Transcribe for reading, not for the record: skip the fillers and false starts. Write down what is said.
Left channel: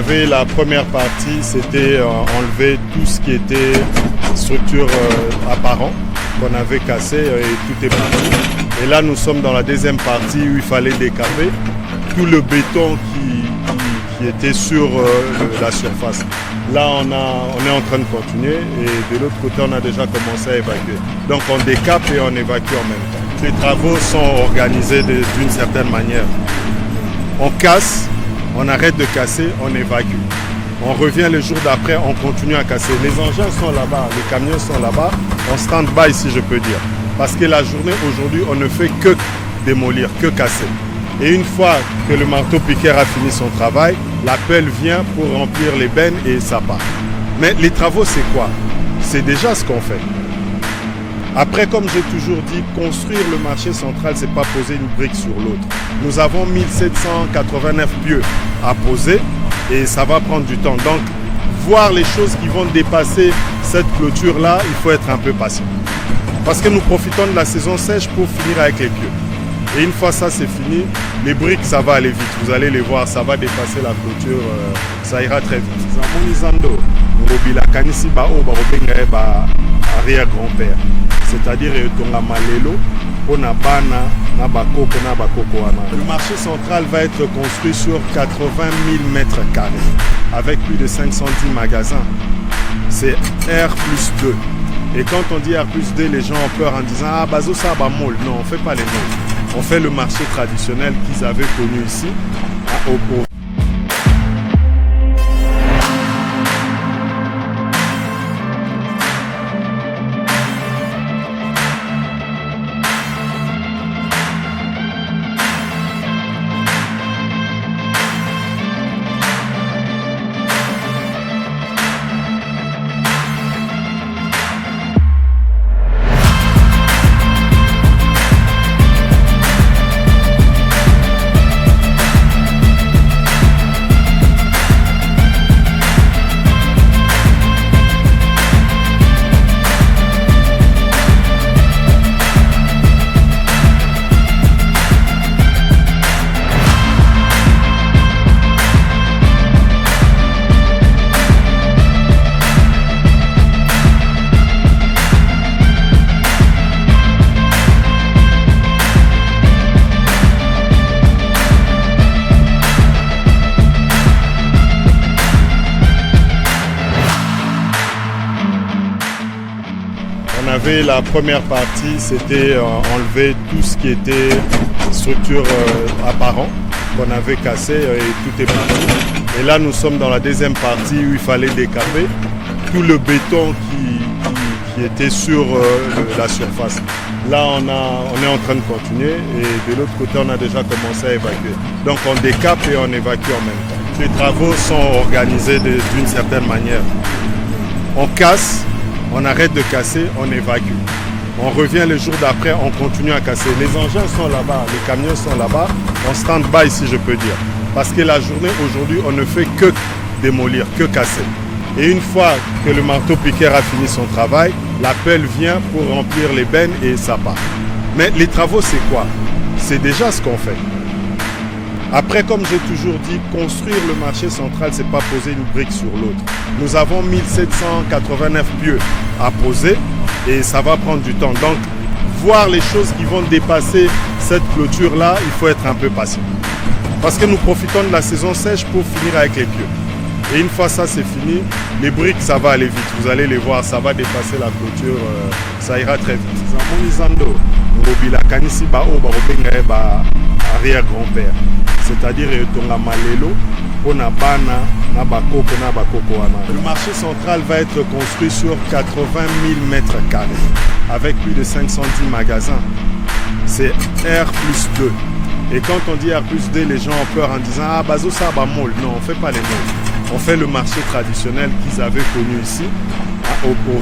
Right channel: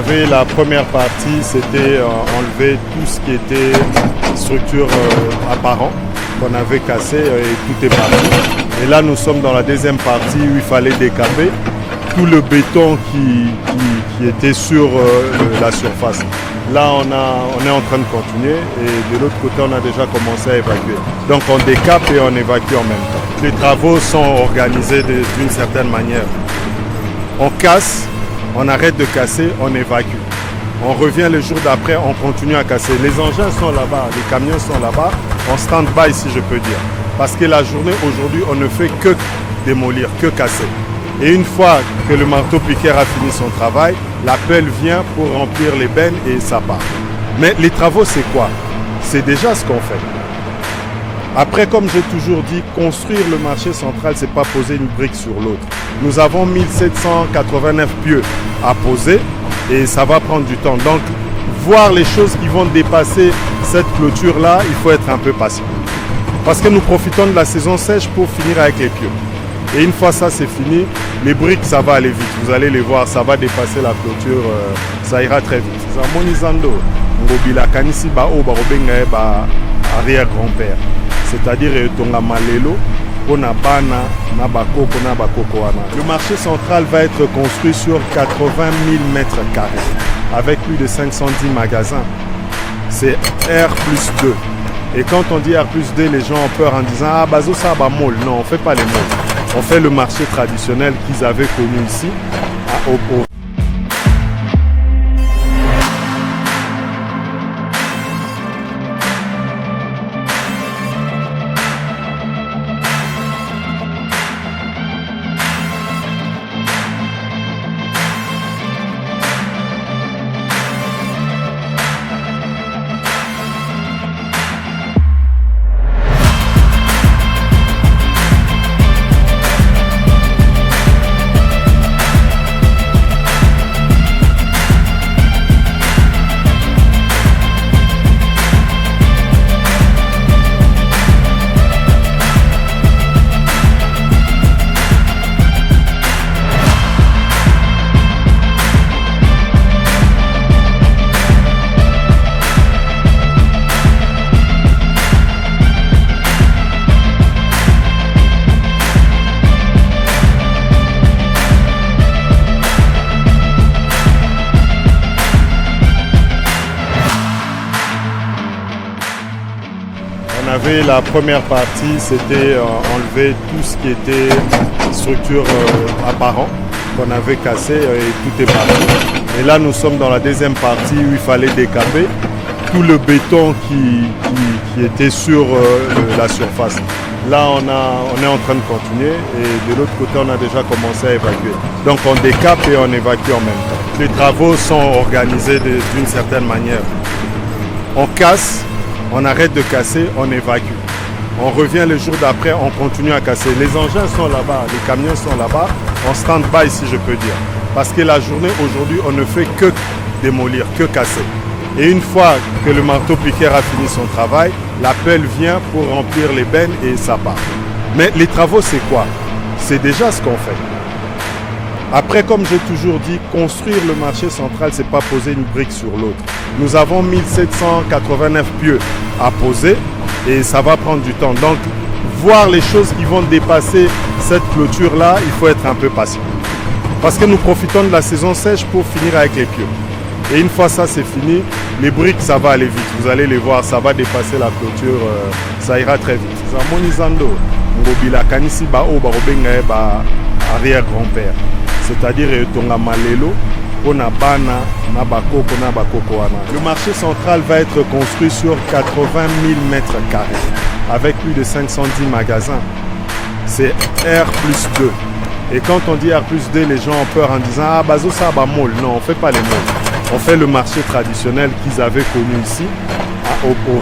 avait la première partie, c'était enlever tout ce qui était structure apparent qu'on avait cassé et tout est parti. Et là, nous sommes dans la deuxième partie où il fallait décaper tout le béton qui était sur la surface. Là, on est en train de continuer et de l'autre côté, on a déjà commencé à évacuer. Donc, on décape et on évacue en même temps. Les travaux sont organisés d'une certaine manière. On casse, on arrête de casser, on évacue. On revient le jour d'après, on continue à casser. Les engins sont là-bas, les camions sont là-bas, en stand-by si je peux dire. Parce que la journée aujourd'hui, on ne fait que démolir, que casser. Et une fois que le marteau-piqueur a fini son travail, la pelle vient pour remplir les bennes et ça part. Mais les travaux, c'est quoi? C'est déjà ce qu'on fait. Après, comme j'ai toujours dit, construire le marché central, c'est pas poser une brique sur l'autre. Nous avons 1789 pieux à poser et ça va prendre du temps. Donc, voir les choses qui vont dépasser cette clôture-là, il faut être un peu patient. Parce que nous profitons de la saison sèche pour finir avec les pieux. Et une fois ça c'est fini, les briques ça va aller vite. Vous allez les voir, ça va dépasser la clôture, ça ira très vite. Arrière-grand-père. C'est-à-dire le marché central va être construit sur 80 000 mètres carrés avec plus de 510 magasins. C'est R+2. Et quand on dit R+2, les gens ont peur en disant « Ah, bazo ça va mall ». Non, on ne fait pas les malls. On fait le marché traditionnel qu'ils avaient connu ici, à Opo. On avait la première partie, c'était enlever tout ce qui était structure apparent qu'on avait cassé et tout est parti. Et là, nous sommes dans la deuxième partie où il fallait décaper tout le béton qui était sur la surface. Là, on est en train de continuer et de l'autre côté, on a déjà commencé à évacuer. Donc, on décape et on évacue en même temps. Les travaux sont organisés d'une certaine manière. On casse, on arrête de casser, on évacue. On revient le jour d'après, on continue à casser. Les engins sont là-bas, les camions sont là-bas, en stand-by si je peux dire. Parce que la journée aujourd'hui, on ne fait que démolir, que casser. Et une fois que le marteau-piqueur a fini son travail, la pelle vient pour remplir les bennes et ça part. Mais les travaux, c'est quoi? C'est déjà ce qu'on fait. Après, comme j'ai toujours dit, construire le marché central, c'est pas poser une brique sur l'autre. Nous avons 1789 pieux à poser et ça va prendre du temps. Donc, voir les choses qui vont dépasser cette clôture-là, il faut être un peu patient. Parce que nous profitons de la saison sèche pour finir avec les pieux. Et une fois ça c'est fini, les briques ça va aller vite. Vous allez les voir, ça va dépasser la clôture, ça ira très vite. Arrière-grand-père. C'est-à-dire le marché central va être construit sur 80 000 mètres carrés avec plus de 510 magasins. C'est R+2. Et quand on dit R+2, les gens ont peur en disant « Ah, bazo ça va mall ». Non, on ne fait pas les malls. On fait le marché traditionnel qu'ils avaient connu ici, à Opo.